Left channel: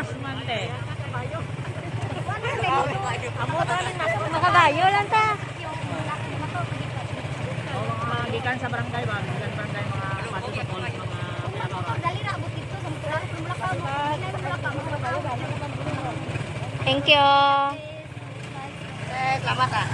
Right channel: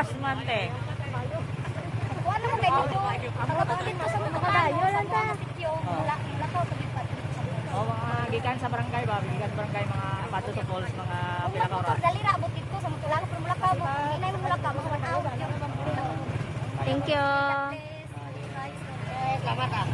Lawas man te. Nakadayo lang ta. Mga gikan sa barangay ba? Gikan barangay mga pato sa falls, mga pinakara. Thank you. Salamat ah.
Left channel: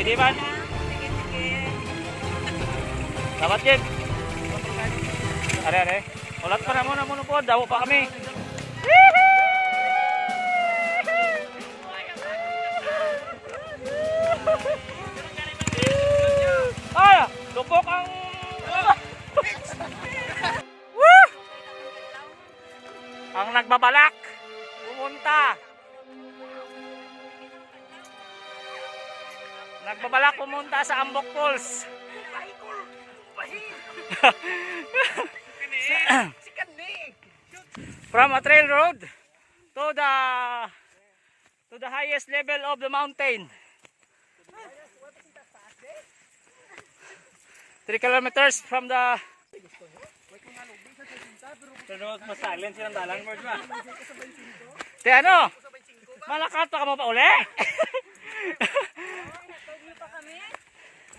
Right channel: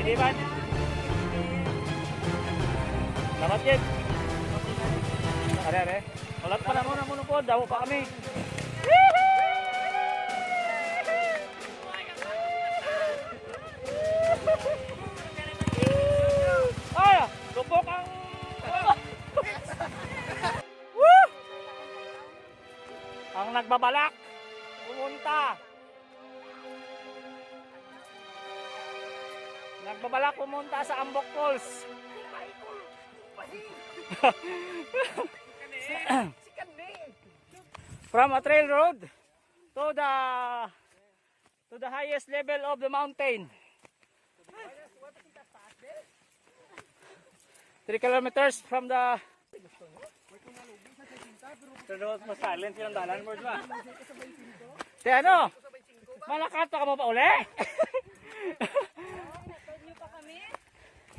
Pwede man? Dapat yun. Are. Ulat pa na muna po. Dawo pa kami. Ah! Tupok ang... ang nagbabalak. Pumunta. Nagbabalak pumunta sa Ambok Falls. From a trail road to the highest level of the mountain. 3 kilometers from the... Pero mas silent silang dalang mo ba? Te ano? Malakat pa ka mo pa uli?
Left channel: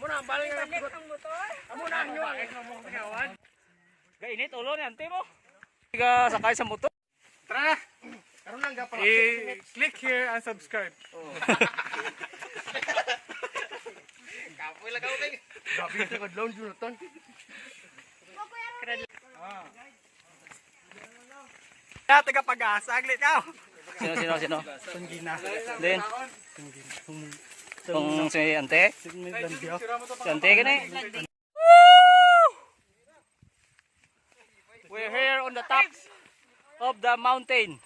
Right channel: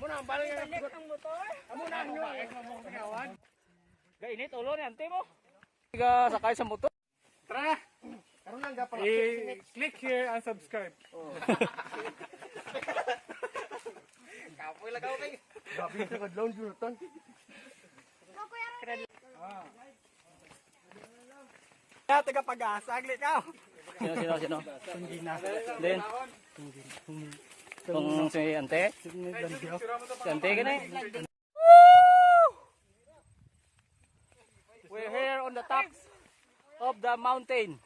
Muna ang balik ang motor. Muna ang nyo. Gainit ulo ni ante mo. Tiga sakay sa motor. Tara. Karon lang gapala. Click here and subscribe. Kapoy lagaw kay. Gabi ito kadlong Jonathan. Taga pag-asa aglit ka. Sino? Tunggina. Then Kung si ante? Si ante gani? We're here on the top of the mountain.